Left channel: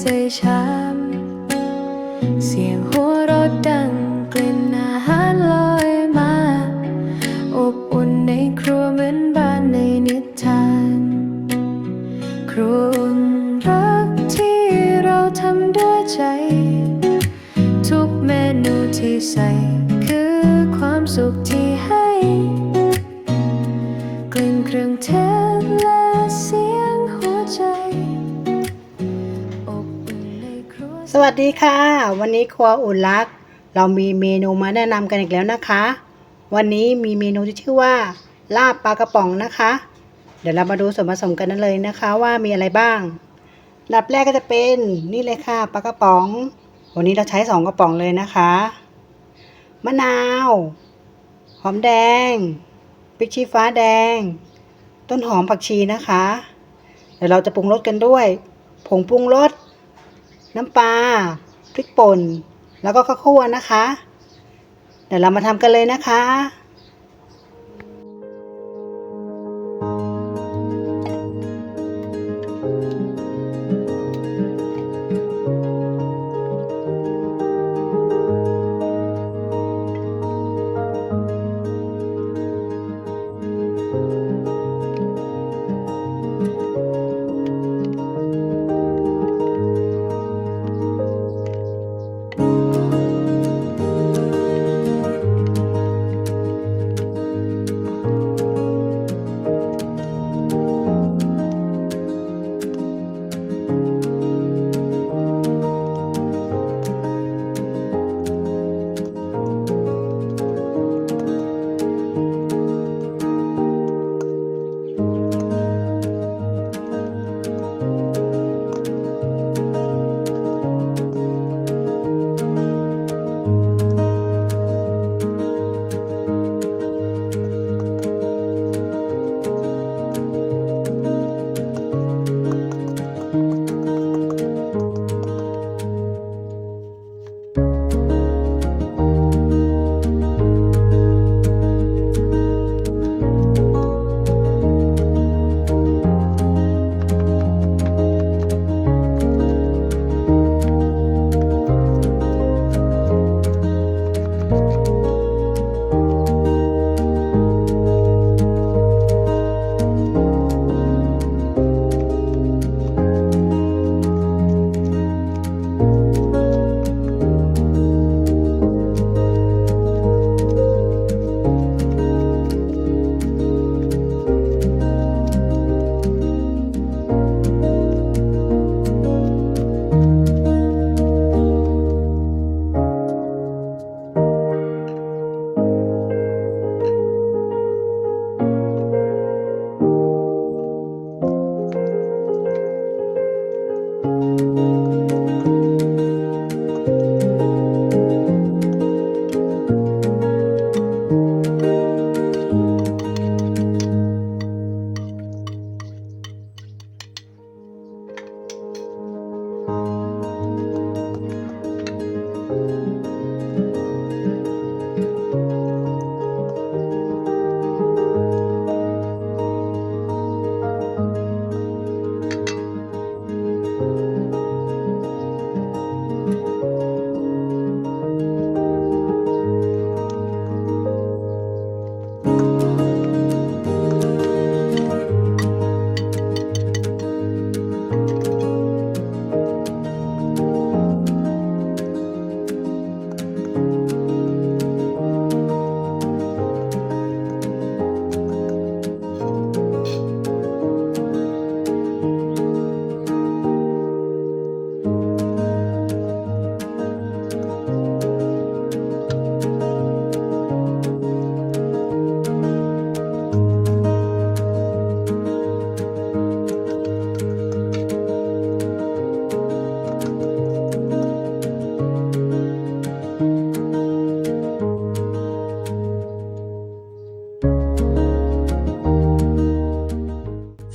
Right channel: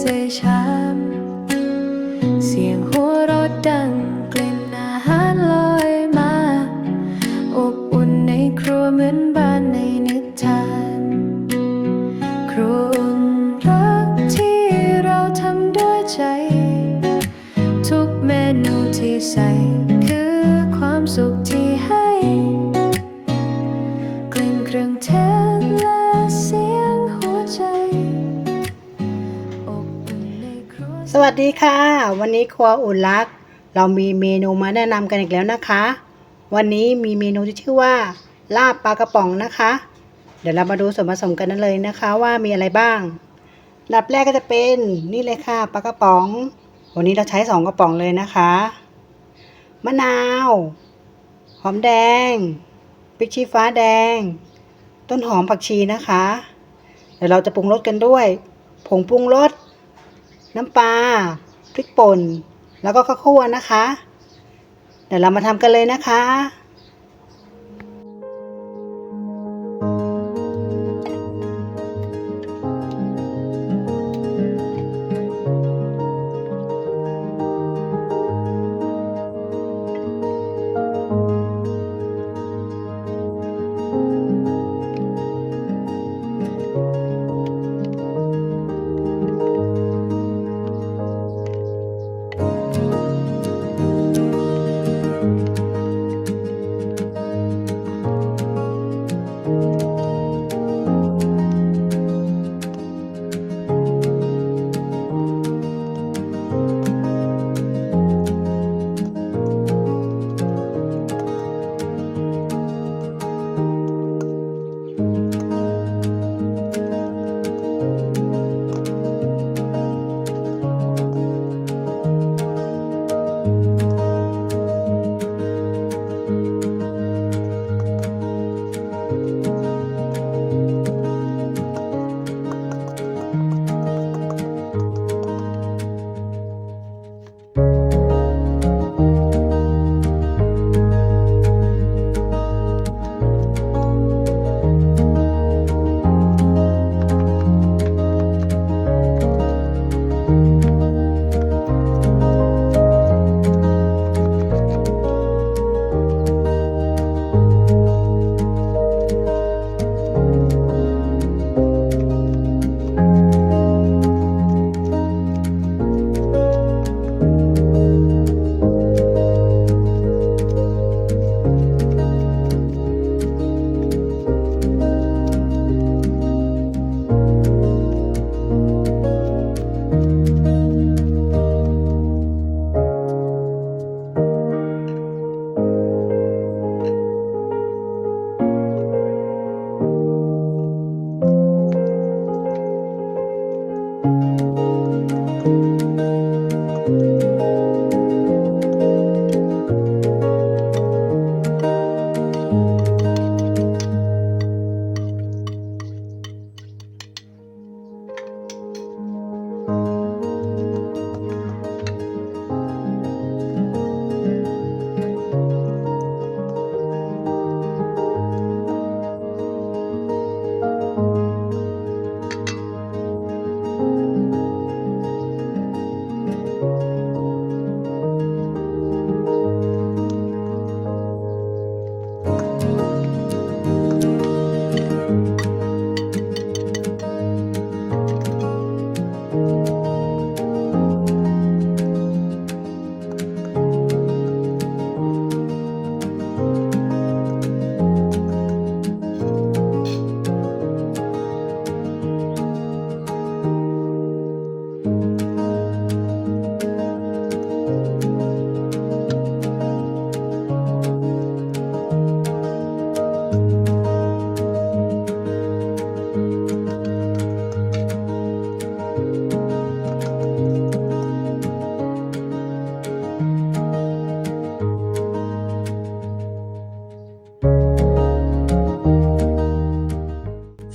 ใส่ชาม เสียงหัวเราะดังกลิ่นอาหารลอยมาอบอุ่นในครัวเหมือนบ้านในนิทานครัวอุ่นรักที่เราทำด้วยใจทุกเมนูที่ใส่คือความสุขที่ให้กลิ่นเครื่องเทศและเสียงหัวใจอบอุ่นในครัวสวัสดีค่ะวันนี้ครัวอุ่นรักเรามีเมนูมาแนะนำกันอีกแล้วนะคะวันนี้มีเมนูที่ชื่อว่าลาบปลากระป๋องนะคะเดี๋ยวเรามาดูส่วนผสมกันเลยนะคะว่ามีอะไรบ้างอันดับแรกก็จะเป็นนี่เลยค่ะปลากระป๋องวันนี้เราใช้2กระป๋องเลยนะคะมะนาวหอมแดงพริกชี้ฟ้าแดงต้นหอมผักชีนะคะเดี๋ยวเราจะปรุงรสกันด้วยผงปรุงรสน้ำปลาพริกป่นแล้วก็ข้าวคั่วนะคะเดี๋ยวเรามาทำกันเลยนะคะ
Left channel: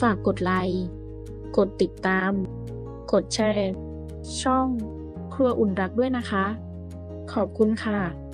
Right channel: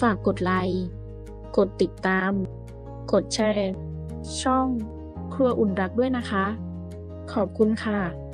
ฝากกดไลค์กดติดตามกดแชร์ช่องครัวอุ่นรักด้วยนะคะขอบคุณค่ะ